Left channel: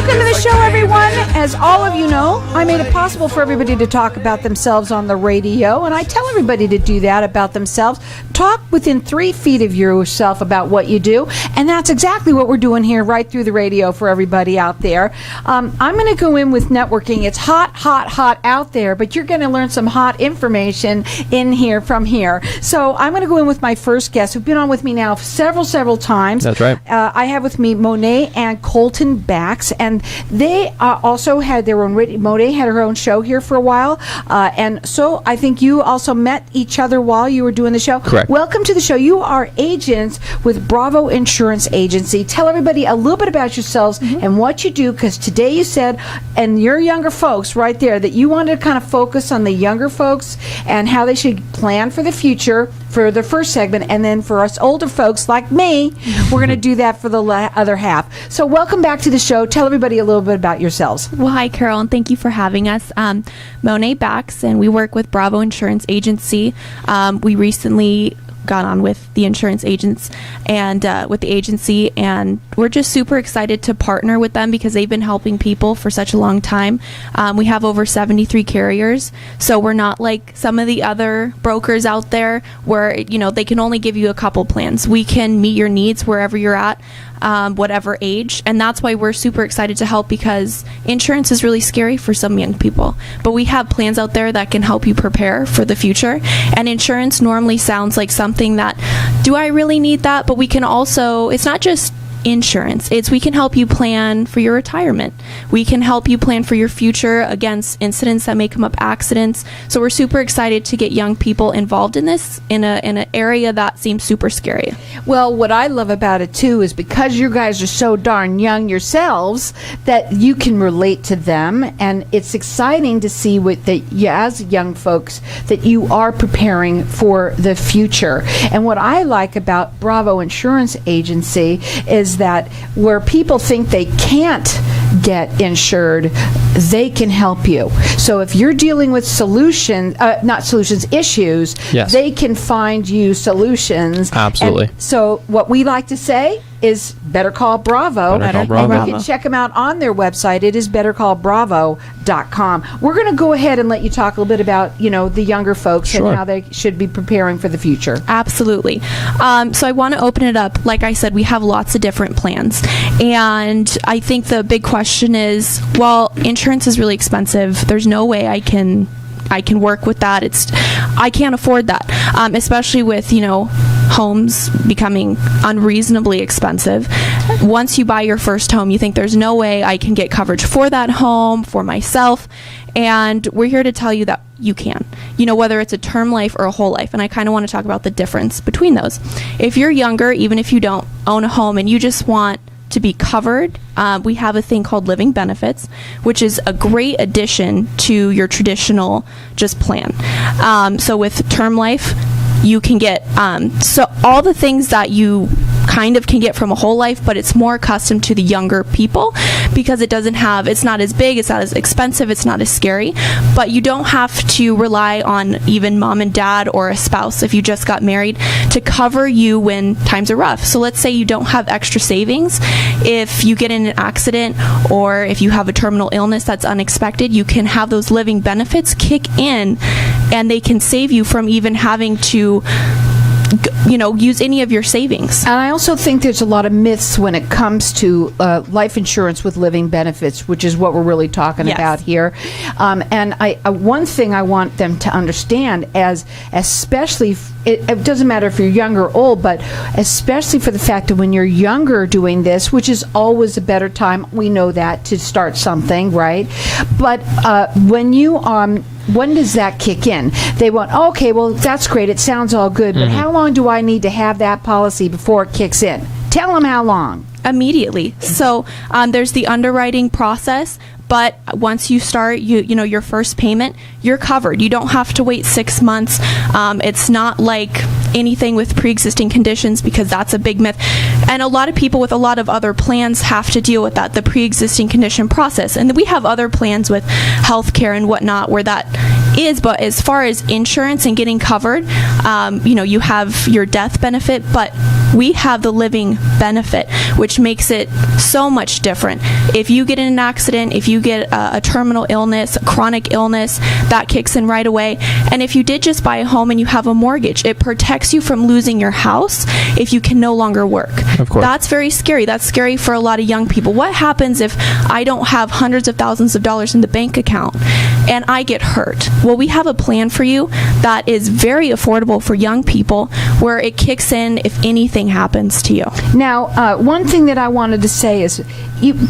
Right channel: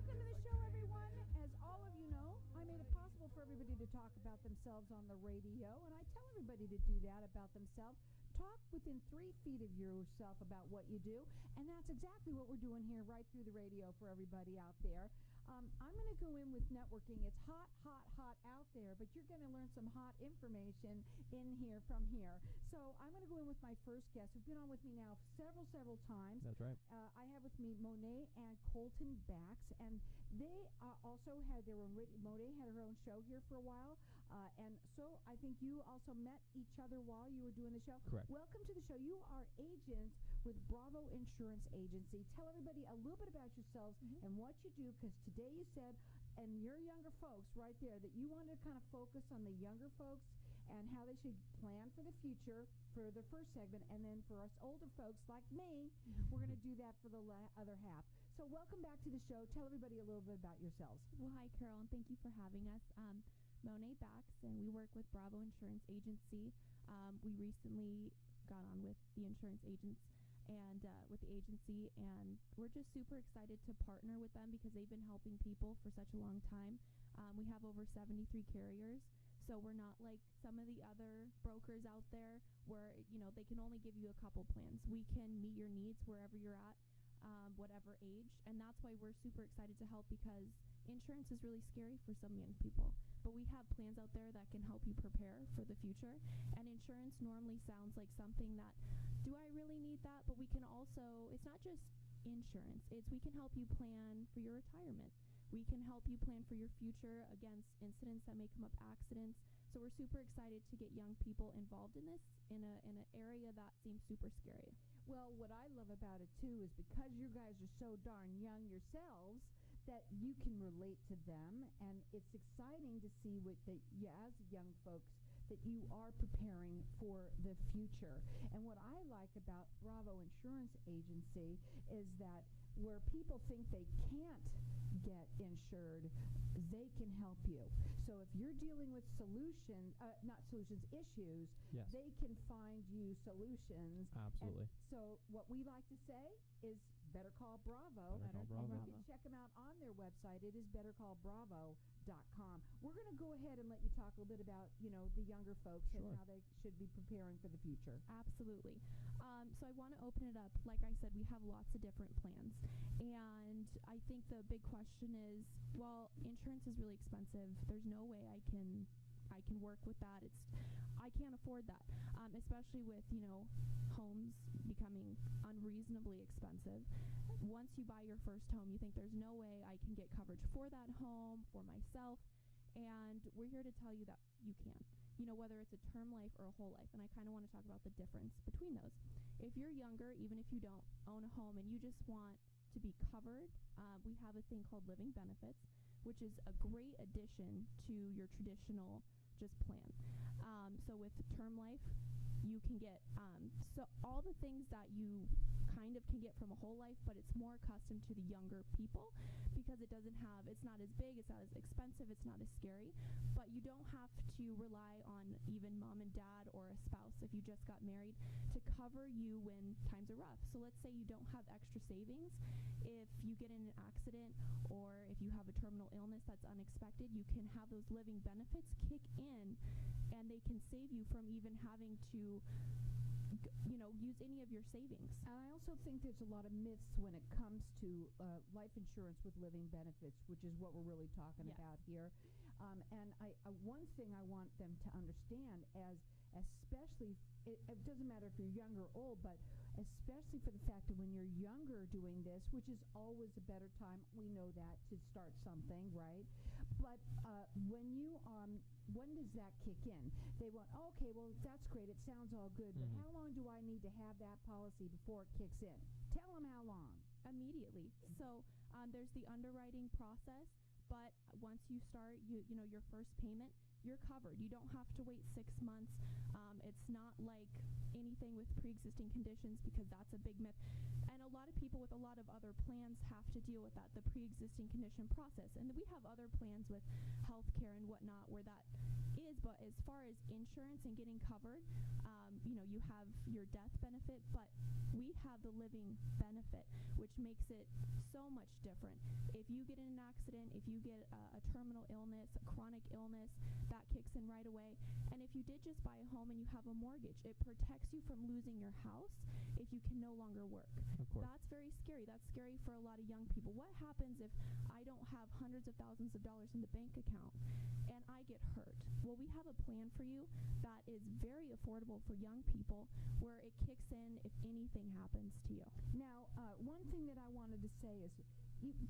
Welcome to the show, everyone. As all of you know, I made it possible for everybody to talk about themselves on the radio, and I tell everybody to do that about themselves. Talk within 3 feet of yourself about what you do, and that's exactly what we're doing here right through the radio for everybody out there. I'm going to go in with networking. It's hot, hot, hot out there, but you're going to learn some hot information in here from here. So I'm going to go in with my first guest, who've been on with me now several times. That's right. I have with me Monique and Colton Backs, and they also had their own. Monique had her own show here for a while, and so I think you also met each other while you were doing the show. Correct. Welcome to the show. You are agents with Bravo Insurance Agency. Tell everybody a little bit about yourselves and what you do, because today you said, and your younger folks right there, that you wanted to kind of focus on the younger folks and how they should plan for the future for the first segment, and then for us older folks like me, we're going to do that for the other half. So welcome back to the show. Tell everybody a little bit about yourselves. Well, hi, Carol, and thank you for having us. Monique Backs, and we work with Bravo Insurance Agency. We recently got on with the insurance agents and with the agency, and we're just super excited to partner with them because they've been helping people for such a long time. We have over 73 carriers, so we're not like some of the other brokers out there where, you know, they can only give you a couple plans. We can meet your needs wherever you're at, whatever age, and that's why we're super excited to help, because insurance is really scary for some young people, but we have plans out there that can help you prepare for the future. And insurance normally sounds like something that, do I really need that? But we can also, it's not just insurance, we can help you plan for your retirement. We can help you plan for your future against incidents that may come up, accidents. So we're super excited to get young people involved in this in an area that seems super scary. Well, what I love about it too is because you guys are so darn young yourselves that you can relate to them, and it's exciting to see as young folks that you are preparing for the future. And what I like about Bravo Insurance Agency is that where people think they can't get insured, they can help you. So if you're dealing with issues, yes, they can find you solutions. Absolutely. And so what we like to say is better call Bravo. Better call Bravo. And you can check them out on their website. It is bettercallbravo.com. We're going to go ahead and let you talk a little bit about, the younger folks. Sure. And how they should be preparing for the future. Absolutely. So I want to open it up. Like I said, we have lots of different plans. And I think the big question is, well, insurance is really expensive. There's no way I can work with that. I can't afford that, especially with, homes becoming unreasonably expensive. Once you buy your first home, you think there's no way I can get coverage for that home, for myself. And we're here to tell you that you can, whether it's a term life or a whole life. And I kind of want to talk about the difference between those. If you're younger, even if you don't own a home and you just want to be covered, we have a thing called living benefits, which is a great addition to your traditional just plan. So with term life, you can get so all the things that you kind of can get from a whole life, but it's more accustomed to the younger people because it's not as big, it's not as expensive, it's not as scary, but you don't have to rely on even mom and dad or a spouse if you just got married to cover you when times are rough. So let's say you don't have extra savings. If you get in an accident or if you have a terminal illness that's unexpected, you can have those living benefits kick in and they can save you from even having to use any of your savings. And I also think there's a lot of myths when it comes to life insurance with living benefits, which is what we're really talking about here. And one thing I want them to understand, especially it doesn't matter if you're young or old, but especially for the fact that when you're younger doing this, which is always a better time, we know that, to start something, right? But when does that kick in? They want, okay, well, that's great. It sounds all good. But how long do I need to have that policy before it kicks in? Tell them how long. Immediately. So there's the underwriting process. But once you start, your first payment, you're covered. You don't have to wait 6 months. It's not like anything with pre-existing conditions, because that's a big myth. And a lot of people with a lot of other plans have to deal with that, the pre-existing condition process. And we have other plans with healthcare and whatnot where that is. But as far as insurance and getting covered, you have your death benefit, but we have the living benefit, which makes it so much different. If you get in an accident, if you get a terminal illness, a chronic illness, that kicks in right away. And if you did just buy a home and you have a mortgage, it protects you from losing your house if you can no longer work. Of course. That's very scary. That's scary for a lot of young people. What happens if I don't have hundreds of thousands of dollars in the bank account and I get hurt? Well, we have a plan for you that is very affordable for young people, where it kicks in if anything happens to you. Now, one thing that I wanted to say is,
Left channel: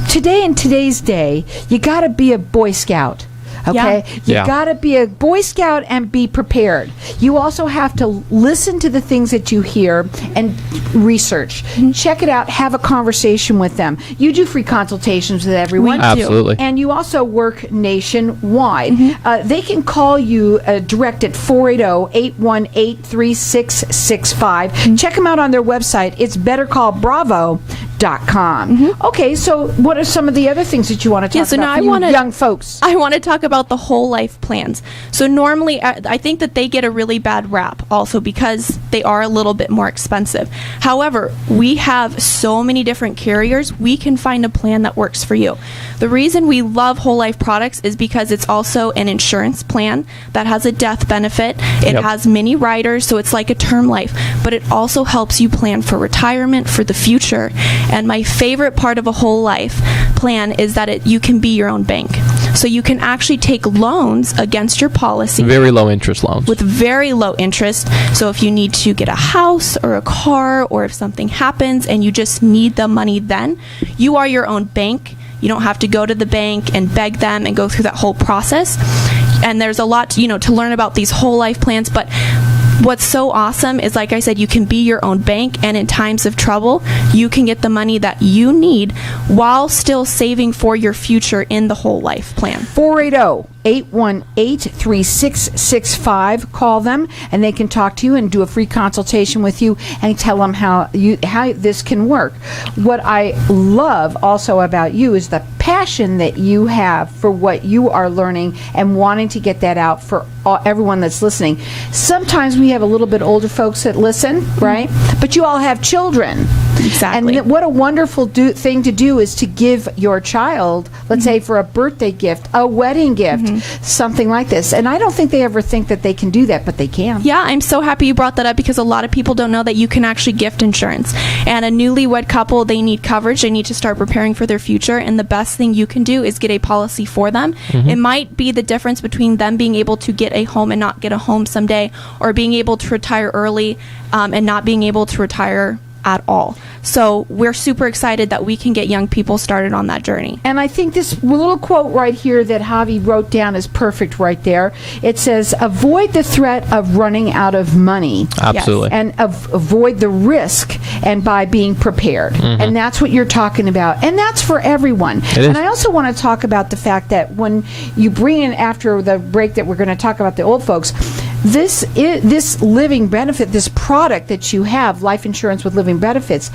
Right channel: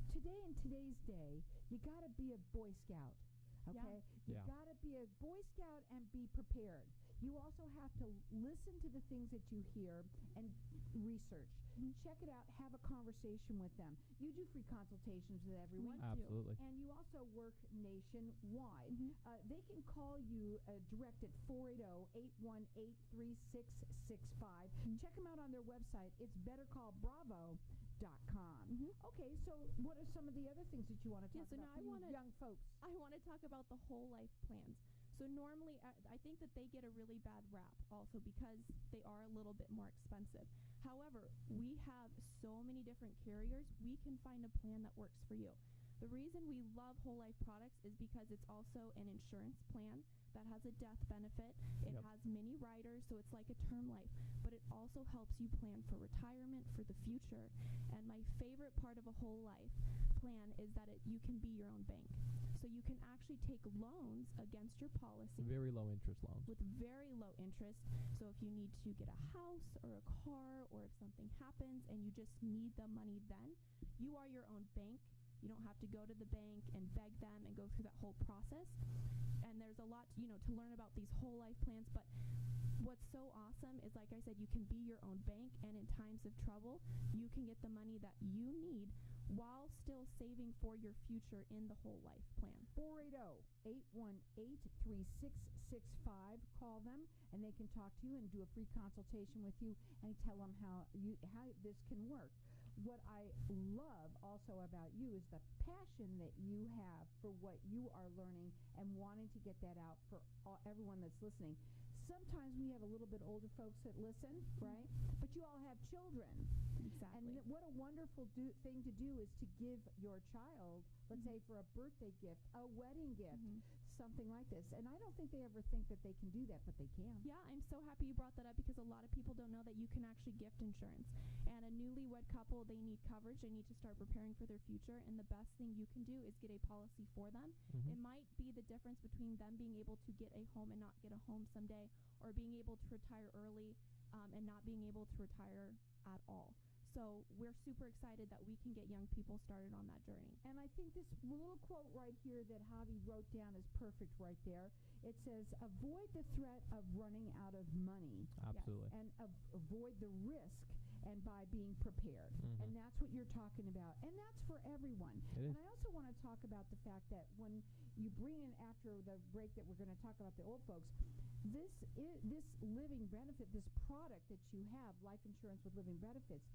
today in today's day, you got to be a Boy Scout. Okay? You got to be a Boy Scout and be prepared. You also have to listen to the things that you hear and research. Check it out. Have a conversation with them. You do free consultations with everyone. We do. Absolutely. And you also work nationwide. They can call you direct at 480-818-3665. Check them out on their website. It's bettercallbravo.com. Okay, so what are some of the other things that you want to talk about for you young folks? I want to talk about the whole life plans. So normally, I think that they get a really bad rap also because they are a little bit more expensive. However, we have so many different carriers, we can find a plan that works for you. The reason we love whole life products is because it's also an insurance plan that has a death benefit. It has many riders, so it's like a term life, but it also helps you plan for retirement, for the future. And my favorite part of a whole life plan is that you can be your own bank. So you can actually take loans against your policy. Very low interest loans. With very low interest. So if you need to get a house or a car, or if something happens and you just need the money then, you are your own bank. You don't have to go to the bank and beg them and go through that whole process. And there's a lot, to learn about these whole life plans, but what's so awesome is, like I said, you can be your own bank, and in times of trouble, you can get the money that you need while still saving for your future in the whole life plan. 480-818-3665. Call them, and they can talk to you and do a free consultation with you and tell them how this can work. What I love also about you is the passion that you have for what you are learning and wanting to get that out for everyone that's listening. Sometimes we have a little bit older folks that listen, right? But you all have children. Exactly. And what a wonderful thing to do is to give your child, let's say for a birthday gift, a wedding gift, something like this. And I don't think they ever think that they can do that, but they can. Yeah, I'm so happy you brought that up, because a lot of people don't know that you can actually gift insurance. And a newlywed couple, they need coverage. They need to start preparing for their future. And the best thing you can do is get a policy for them. It might be the difference between them being able to get a home and not get a home someday, or being able to retire early and not being able to retire at all. So we're super excited that we can get young people started on that journey. And I think this little quote right here that Havie wrote down is perfect right there. It says, avoid the threat of running out of money. Absolutely. And avoid the risk, and by being prepared. And that's what you're talking about. And that's for everyone. And I also want to talk about the fact that when you bring in, after the break, that we're going to talk about the old folks, this living benefit, this product that you have, life insurance with living benefits,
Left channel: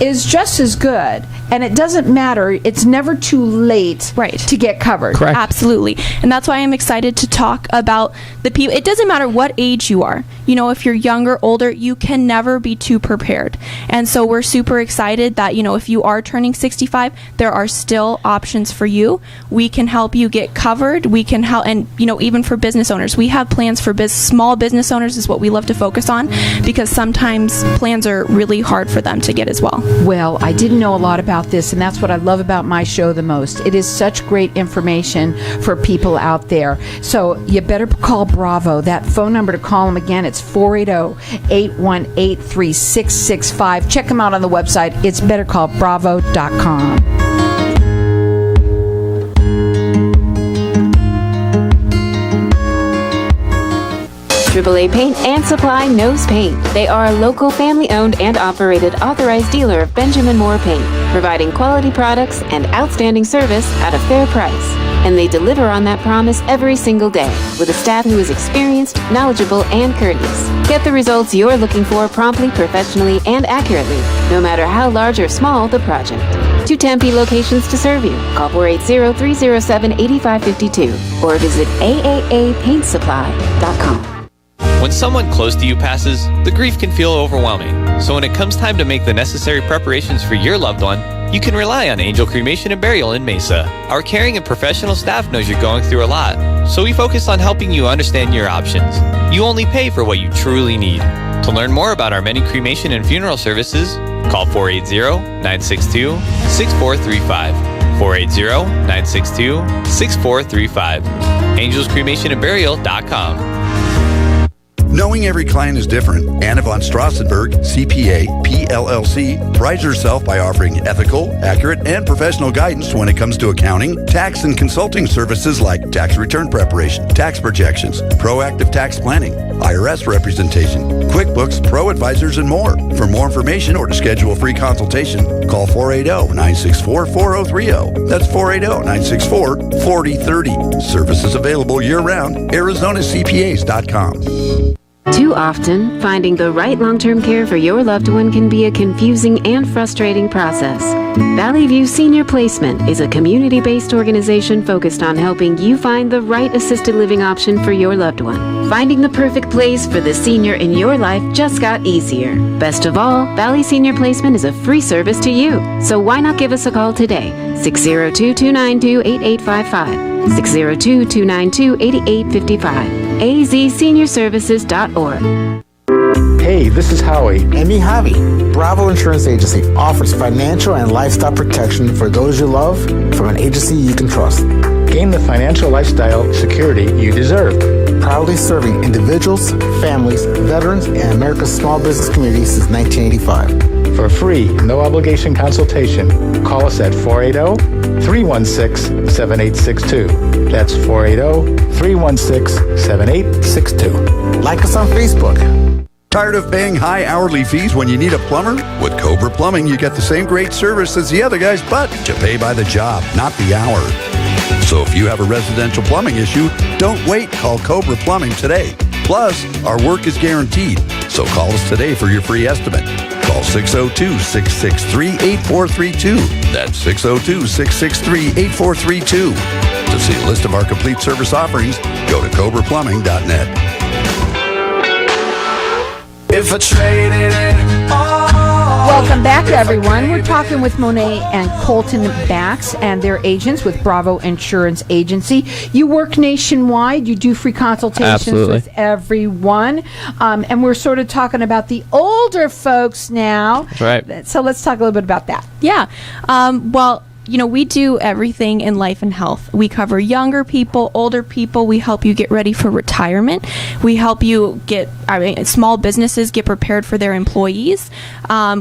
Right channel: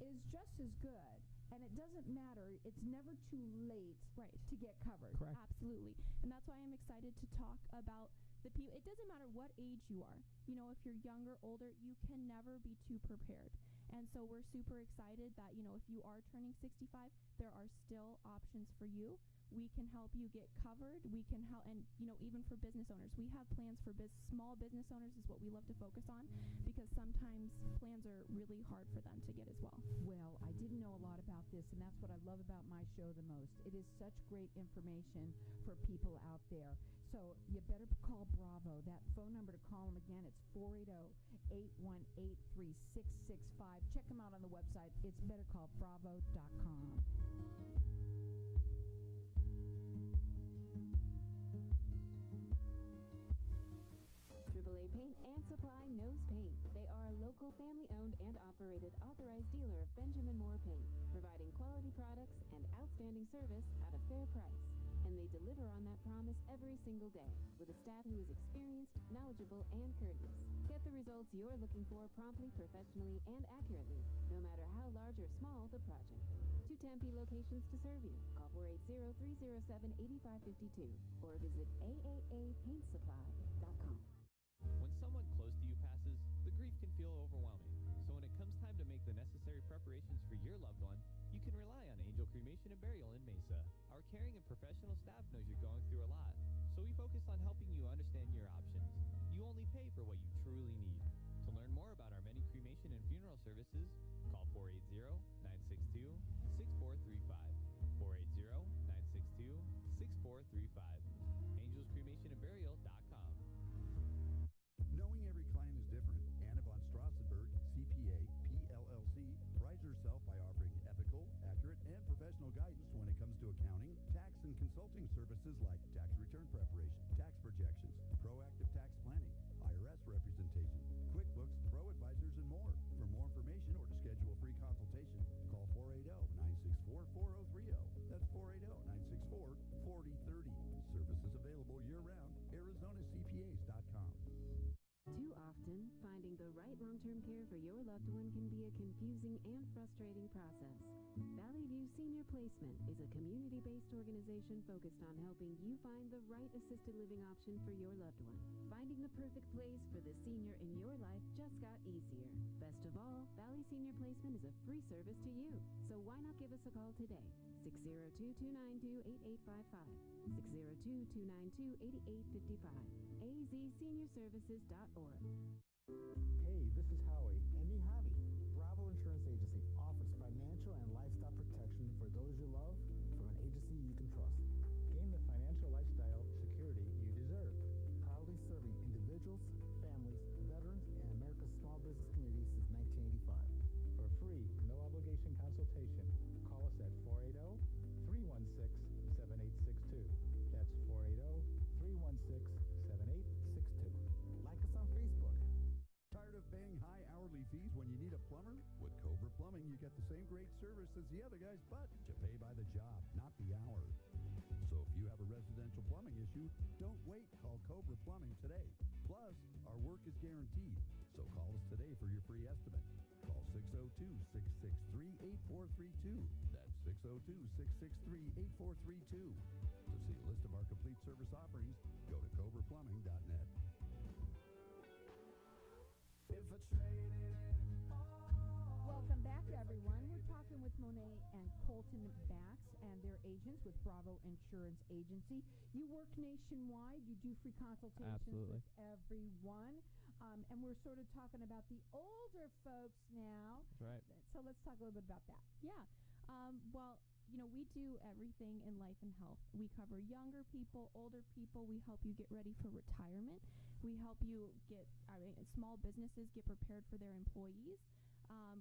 is just as good. And it doesn't matter. It's never too late to get covered. Correct. Absolutely. And that's why I'm excited to talk about the people. It doesn't matter what age you are. If you're younger, older, you can never be too prepared. And so we're super excited that, if you are turning 65, there are still options for you. We can help you get covered. We can help, and, even for business owners, we have plans for small business owners is what we love to focus on, because sometimes plans are really hard for them to get as well. Well, I didn't know a lot about this, and that's what I love about my show the most. It is such great information for people out there. So you better call Bravo. That phone number to call them again, it's 480-818-3665. Check them out on the website. It's bettercallbravo.com. AAA Paint and Supply knows paint. They are a local, family-owned and operated authorized dealer of Benjamin Moore Paint, providing quality products and outstanding service at a fair price. And they deliver on that promise every single day, with a staff who is experienced, knowledgeable, and courteous. Get the results you're looking for promptly, professionally, and accurately, no matter how large or small the project. 2 Tempe locations to serve you. Call 480-307-8552 or visit aaapaintsupply.com. When someone close to you passes, the grief can feel overwhelming. So when it comes time to make the necessary preparations for your loved one, you can rely on Angel Cremation and Burial in Mesa. Our caring and professional staff knows you're going through a lot, so we focus on helping you understand your options. You only pay for what you truly need. To learn more about our many cremation and funeral services, call 480-962-6435. 480-962-6435. AngelsCremationandBurial.com. Knowing every client is different, Anna von Strassenberg, CPA, PLLC, prides herself by offering ethical, accurate, and professional guidance when it comes to accounting, tax, and consulting services like tax return preparation, tax projections, proactive tax planning, IRS representation, QuickBooks, Pro Advisors, and more. For more information or to schedule a free consultation, call 480-964-4030. That's 480-964-4030. Services available year-round. ArizonaCPAs.com. Too often, finding the right long-term care for your loved one can be a confusing and frustrating process. Valley View Senior Placement is a community-based organization focused on helping you find the right assisted living option for your loved one. Finding the perfect place for the senior in your life just got easier. Best of all, Valley Senior Placement is a free service to you. So why not give us a call today? 602-292-8855. 602-292-8855. azseniorservices.org. Hey, this is Howie. And me, Havie. Bravo Insurance Agency offers financial and lifestyle protection for those you love from an agency you can trust. Gain the financial lifestyle security you deserve. Proudly serving individuals, families, veterans, and America's small business community since 1985. For a free, no-obligation consultation, call us at 480-316-7862. That's 480-316-7862. Like us on Facebook. Tired of paying high hourly fees when you need a plumber? With Cobra Plumbing, you get the same great service as the other guys, but you pay by the job, not the hour. So if you have a residential plumbing issue, don't wait. Call Cobra Plumbing today. Plus, our work is guaranteed. So call us today for your free estimate. Call 602-663-8432. That's 602-663-8432. To see a list of our complete service offerings, go to cobraplumbing.net. If I traded it all. Welcome back, everyone. We're talking with Monique and Colton Backs and their agents with Bravo Insurance Agency. You work nationwide. You do free consultations with everyone. And we're sort of talking about the older folks now. Right. So let's talk a little bit about that. Yeah. Well, you know, we do everything in life and health. We cover younger people, older people. We help you get ready for retirement. We help you small businesses get prepared for their employees.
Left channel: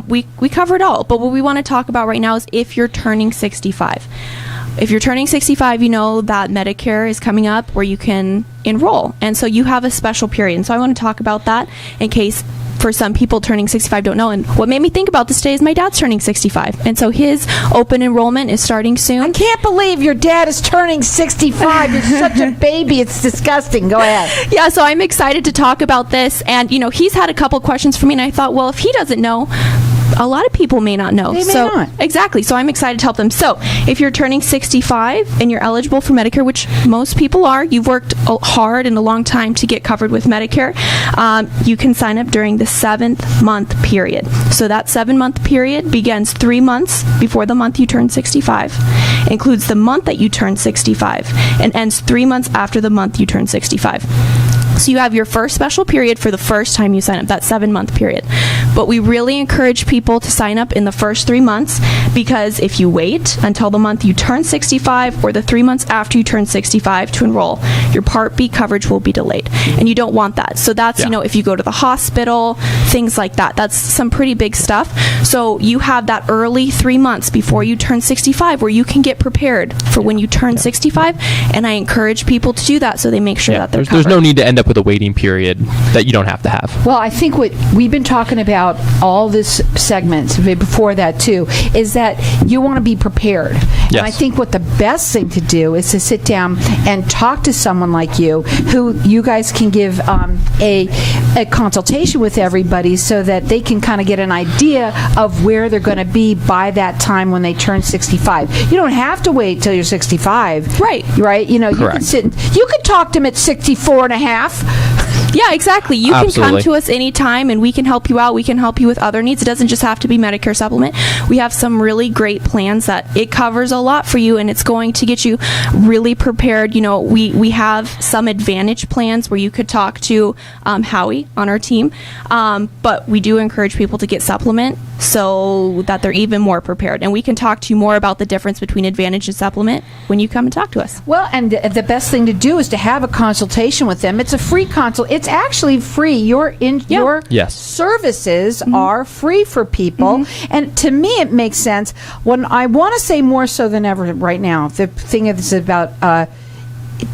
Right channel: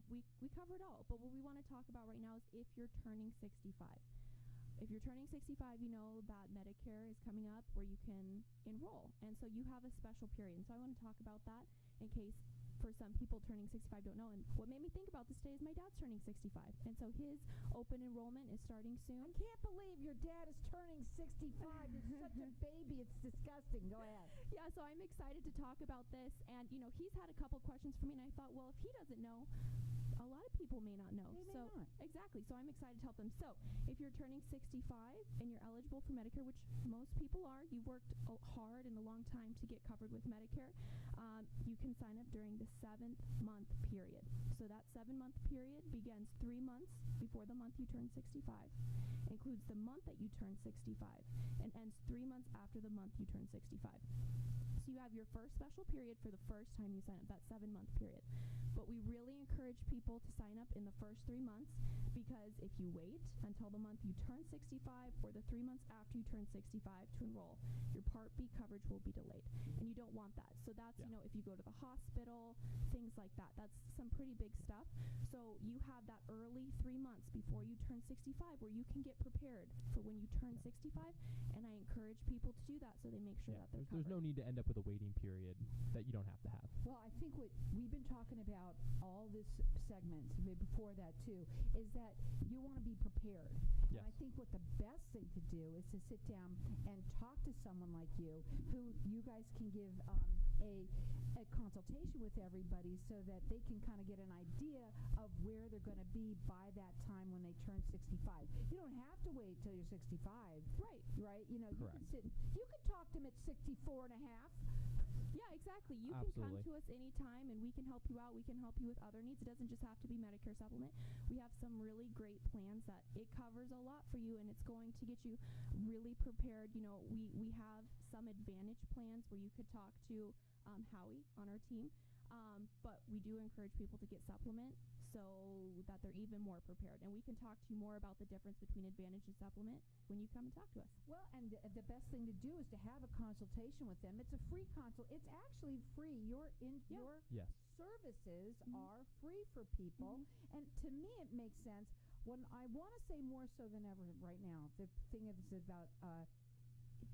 We cover it all. But what we want to talk about right now is if you're turning 65. If you're turning 65, you know that Medicare is coming up where you can enroll. And so you have a special period. And so I want to talk about that in case for some people turning 65 don't know. And what made me think about this today is my dad's turning 65. And so his open enrollment is starting soon. I can't believe your dad is turning 65. You're such a baby. It's disgusting. Go ahead. Yeah, so I'm excited to talk about this. And, you know, he's had a couple questions for me, and I thought, well, if he doesn't know, a lot of people may not know. They may not. Exactly. So I'm excited to help them. So if you're turning 65 and you're eligible for Medicare, which most people are, you've worked hard and a long time to get covered with Medicare, you can sign up during the 7th month period. So that 7-month period begins 3 months before the month you turn 65, includes the month that you turn 65, and ends 3 months after the month you turn 65. So you have your first special period for the first time you sign up, that 7-month period. But we really encourage people to sign up in the first 3 months, because if you wait until the month you turn 65 or the 3 months after you turn 65 to enroll, your Part B coverage will be delayed. And you don't want that. So that's, you know, if you go to the hospital, things like that. That's some pretty big stuff. So you have that early 3 months before you turn 65 where you can get prepared for when you turn 65. And I encourage people to do that so they make sure that they're covered. There's no need to end up with a waiting period that you don't have to have. Well, I think what we've been talking about all this segments before that too is that you want to be prepared. Yes. And I think what the best thing to do is to sit down and talk to someone like you, who you guys can give a consultation with everybody so that they can kind of get an idea of where they're going to be by that time when they turn 65. You don't have to wait till you're 65. Right. Right? You know, Correct. you can talk to them at 64 and a half. Yeah, exactly. You Absolutely. can come to us anytime and we can help you out. We can help you with other needs. It doesn't just have to be Medicare supplement. We have some really great plans that it covers a lot for you, and it's going to get you really prepared. You know, we have some Advantage plans where you could talk to Howie on our team, but we do encourage people to get supplement so that they're even more prepared. And we can talk to you more about the difference between Advantage and supplement when you come and talk to us. Well, and the best thing to do is to have a consultation with them. It's a free consult. It's actually free. Your Yes. services are free for people. And to me, it makes sense. When I want to say more so than ever right now, the thing is about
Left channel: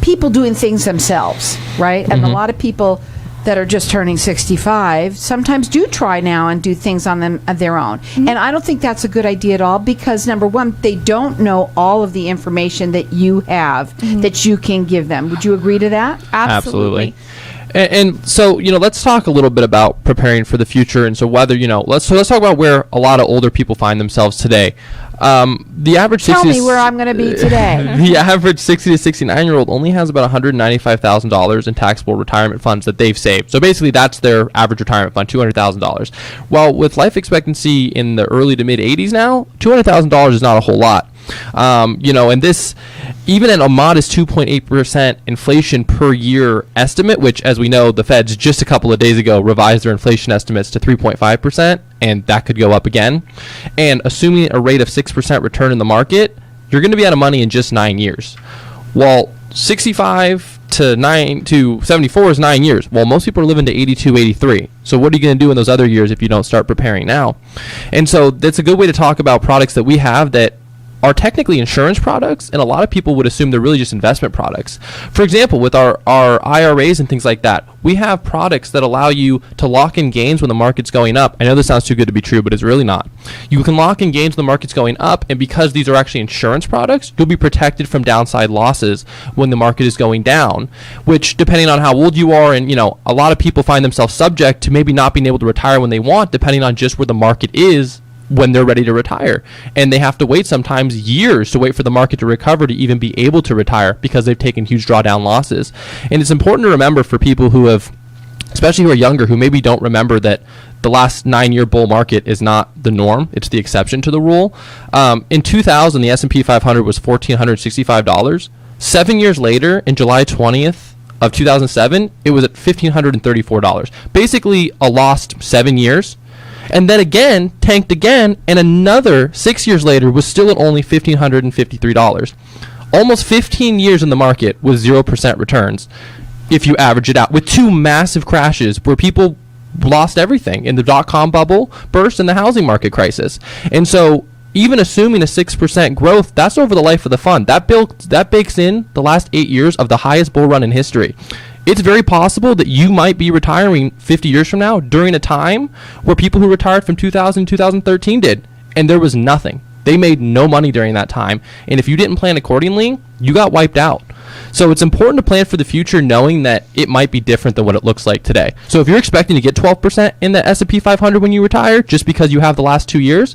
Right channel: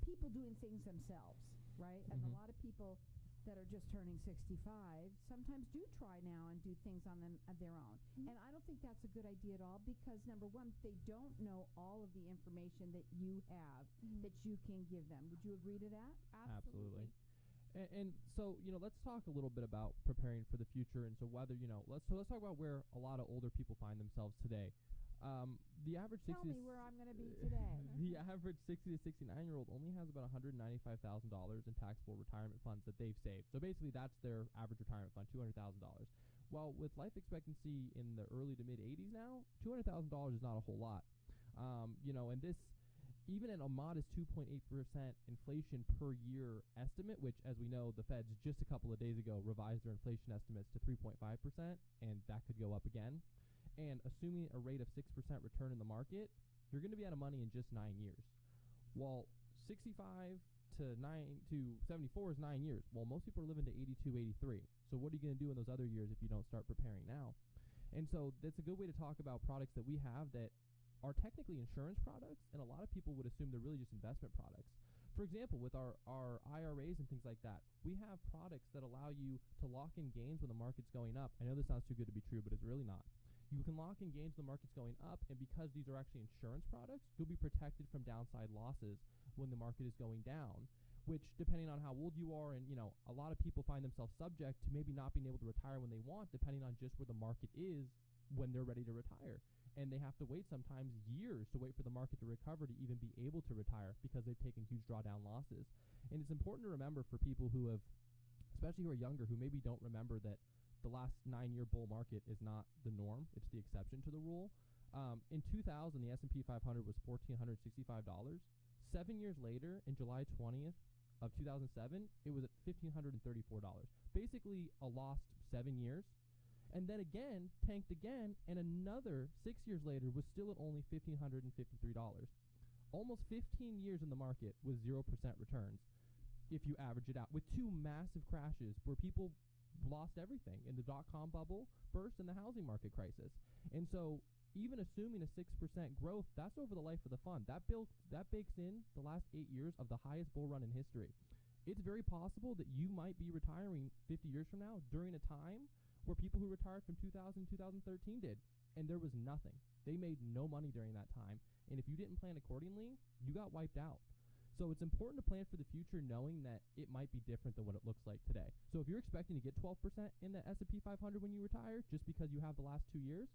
people doing things themselves, right? And a lot of people that are just turning 65 sometimes do try now and do things on their own. And I don't think that's a good idea at all, because number one, they don't know all of the information that you have that you can give them. Would you agree to that? Absolutely. And so, let's talk a little bit about preparing for the future. And so whether, let's talk about where a lot of older people find themselves today. The average Tell me where I'm going to be today. The average 60 to 69-year-old only has about $195,000 in taxable retirement funds that they've saved. So basically, that's their average retirement fund, $200,000. Well, with life expectancy in the early to mid 80s now, $200,000 is not a whole lot. And this, even at a modest 2.8% inflation per year estimate, which, as we know, the Feds just a couple of days ago revised their inflation estimates to 3.5%, and that could go up again. And assuming a rate of 6% return in the market, you're going to be out of money in just 9 years. Well, 65 to 74 is 9 years. Well, most people are living to 82, 83. So what are you going to do in those other years if you don't start preparing now? And so that's a good way to talk about products that we have that are technically insurance products, and a lot of people would assume they're really just investment products. For example, with our IRAs and things like that, we have products that allow you to lock in gains when the market's going up. I know this sounds too good to be true, but it's really not. You can lock in gains when the market's going up, and because these are actually insurance products, you'll be protected from downside losses when the market is going down, which, depending on how old you are, and a lot of people find themselves subject to maybe not being able to retire when they want, depending on just where the market is when they're ready to retire. And they have to wait sometimes years to wait for the market to recover to even be able to retire because they've taken huge drawdown losses. And it's important to remember for people who have, especially who are younger, who maybe don't remember that the last 9-year bull market is not the norm. It's the exception to the rule. In 2000, the S&P 500 was $1,465. 7 years later, in July 20th of 2007, it was at $1,534. Basically a lost 7 years. And then again, tanked again, and another 6 years later was still at only $1,553. Almost 15 years in the market with 0% returns, if you average it out, with two massive crashes where people lost everything in the dot-com bubble burst and the housing market crisis. And so even assuming a 6% growth, that's over the life of the fund. That bakes in the last 8 years of the highest bull run in history. It's very possible that you might be retiring 50 years from now during a time where people who retired from 2000 to 2013 did, and there was nothing. They made no money during that time, and if you didn't plan accordingly, you got wiped out. So it's important to plan for the future knowing that it might be different than what it looks like today. So if you're expecting to get 12% in the S&P 500 when you retire just because you have the last 2 years,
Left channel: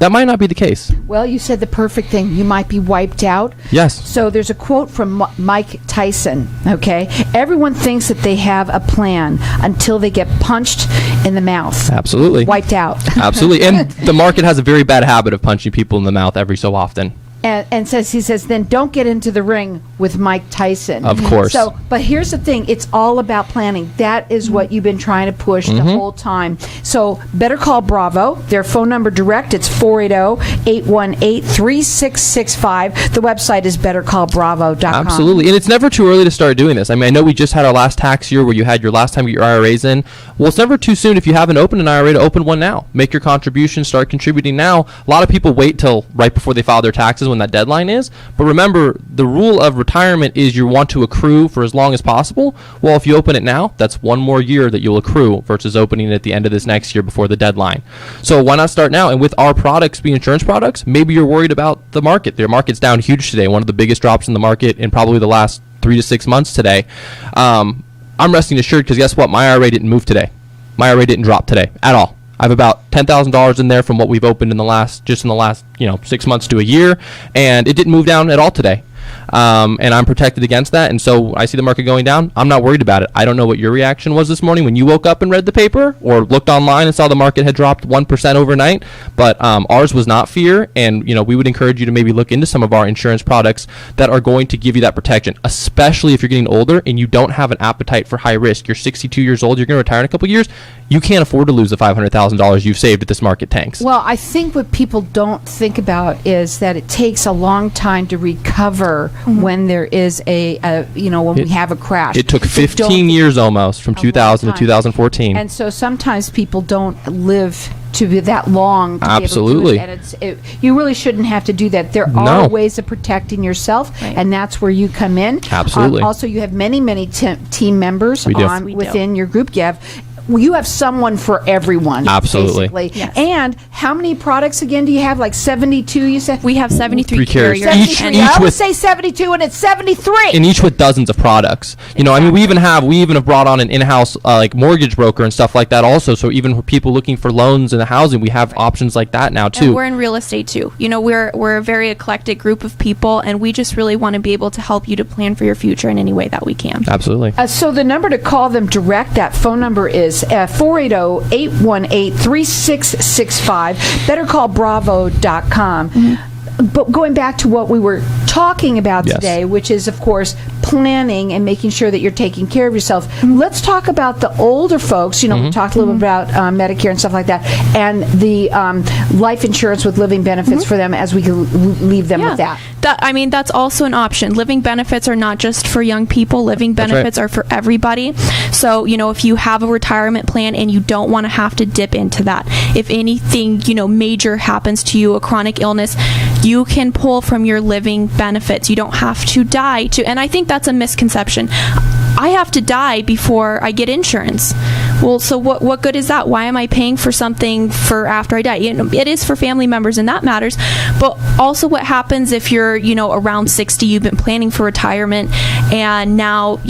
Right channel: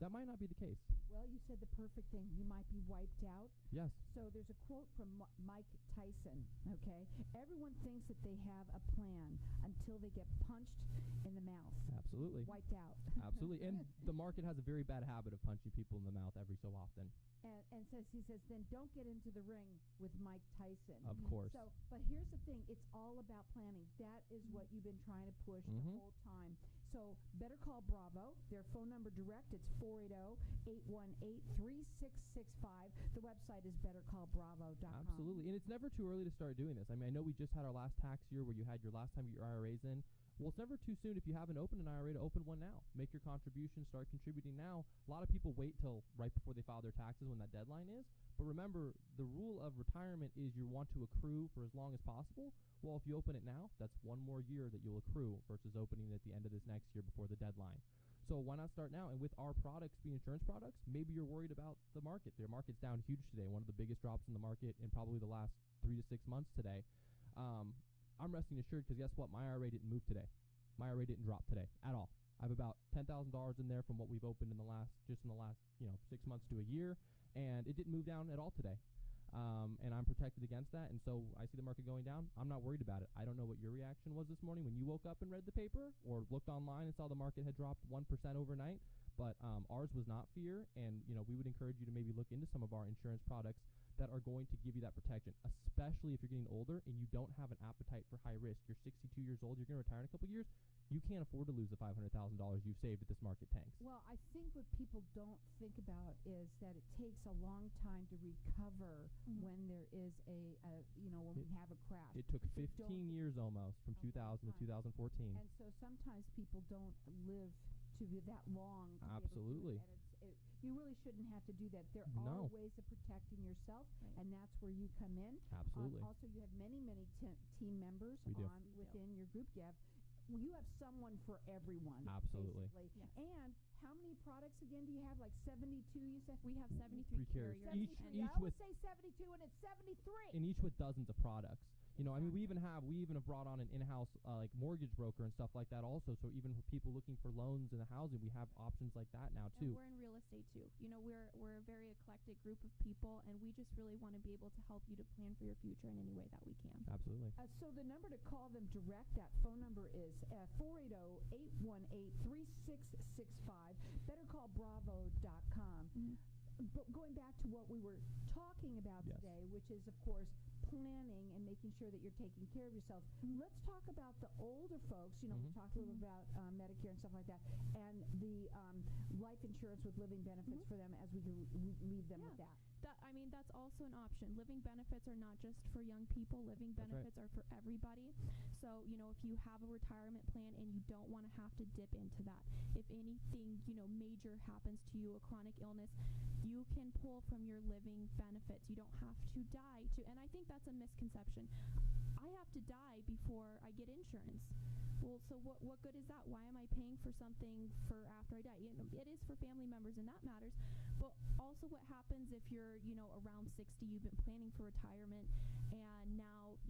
that might not be the case. Well, you said the perfect thing. You might be wiped out. Yes. So there's a quote from Mike Tyson, okay? Everyone thinks that they have a plan until they get punched in the mouth. Absolutely. Wiped out. Absolutely. And the market has a very bad habit of punching people in the mouth every so often. And he says, then don't get into the ring with Mike Tyson. Of course. So, but here's the thing. It's all about planning. That is what you've been trying to push the whole time. So better call Bravo. Their phone number direct, it's 480-818-3665. The website is bettercallbravo.com. Absolutely. And it's never too early to start doing this. I mean, I know we just had our last tax year where you had your last time to get your IRAs in. Well, it's never too soon if you haven't opened an IRA to open one now. Make your contribution, start contributing now. A lot of people wait till right before they file their taxes when that deadline is. But remember, the rule of retirement is you want to accrue for as long as possible. Well, if you open it now, that's one more year that you'll accrue versus opening it at the end of this next year before the deadline. So why not start now? And with our products being insurance products, maybe you're worried about the market. The market's down huge today, one of the biggest drops in the market in probably the last 3 to 6 months today. I'm resting assured because guess what? My IRA didn't move today. My IRA didn't drop today at all. I have about $10,000 in there from what we've opened in the last 6 months to a year, and it didn't move down at all today. and I'm protected against that. And so I see the market going down. I'm not worried about it. I don't know what your reaction was this morning when you woke up and read the paper or looked online and saw the market had dropped 1% overnight. But ours was not fear. And, we would encourage you to maybe look into some of our insurance products that are going to give you that protection, especially if you're getting older and you don't have an appetite for high risk. You're 62 years old. You're going to retire in a couple of years. You can't afford to lose the $500,000 you've saved if this market tanks. Well, I think what people don't think about is that it takes a long time to recover when there is when we have a crash. It took 15 years almost from 2000 to 2014. And so sometimes people don't live to be that long to Absolutely. be able to do it. And you really shouldn't have to do that. There are ways of protecting yourself, and that's where you come in. Absolutely. Also, you have many team members within your group. You have someone for everyone. Absolutely. Basically. Yes. And how many products again do you have? Like 72, you said? We have 73 carriers. 73. I would say 72, and it's 73. And each with dozens of products. Exactly. We even have brought on an in-house mortgage broker and stuff like that also. So even for people looking for loans in the housing, we have options like that now too. And we're in real estate too. We're a very eclectic group of people, and we just really want to be able to help you to plan for your future in any way that we can. Absolutely. So the number to call them direct, that phone number is 480-818-3665. BetterCallBravo.com. Mm-hmm. But going back to what we were talking about today, which is, of course, planning and making sure that you're taking care of yourself. Let's talk about the older folks. We talked a little bit about Medicare and stuff like that, and the life insurance with living benefits for them, as we can leave them with that. That's also an option. Living benefits are not just for young people. Living benefits are for everybody. So, if you have a retirement plan and you don't want to have to dip into that, if anything, major happens to you, a chronic illness, you can pull from your living benefits. You don't have to die and I think that's a misconception. I have to die before I get insurance. Well, so what good is that? Why am I paying for something for after I die? It is for family members, and that matters. But also, what happens if you're, around 60, you've been planning for retirement, and now,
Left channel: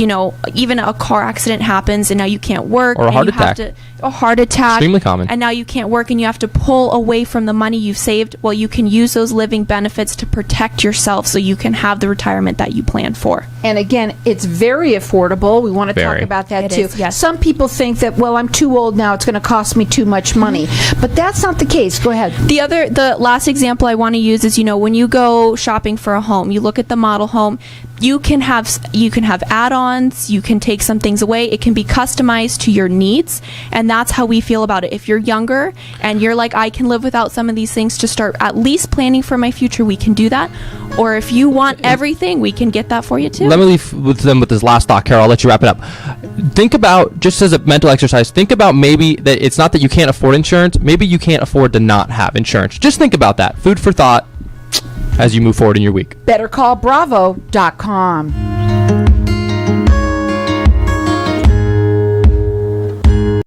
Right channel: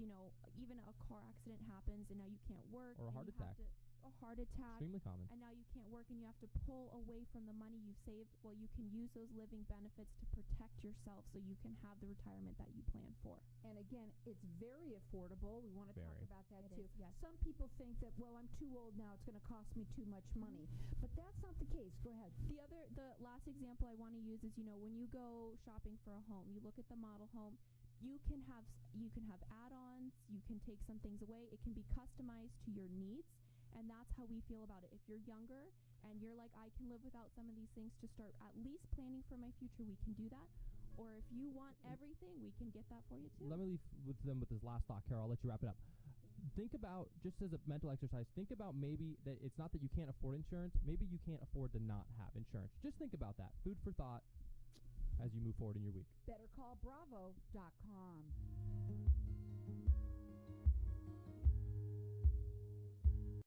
even a car accident happens, and now you can't work. Or a heart attack. A heart attack. Extremely common. And now you can't work, and you have to pull away from the money you've saved. Well, you can use those living benefits to protect yourself so you can have the retirement that you planned for. And again, it's very affordable. We want to talk about that too. Yes. Some people think that, well, I'm too old now, it's going to cost me too much money. But that's not the case. Go ahead. The last example I want to use is, when you go shopping for a home, you look at the model home, you can have add-ons, you can take some things away. It can be customized to your needs, and that's how we feel about it. If you're younger and you're like, I can live without some of these things to start at least planning for my future, we can do that. Or if you want everything, we can get that for you too. Let me leave with this last thought, Carol. I'll let you wrap it up. Think about, just as a mental exercise, think about maybe that it's not that you can't afford insurance. Maybe you can't afford to not have insurance. Just think about that. Food for thought as you move forward in your week. BetterCallBravo.com.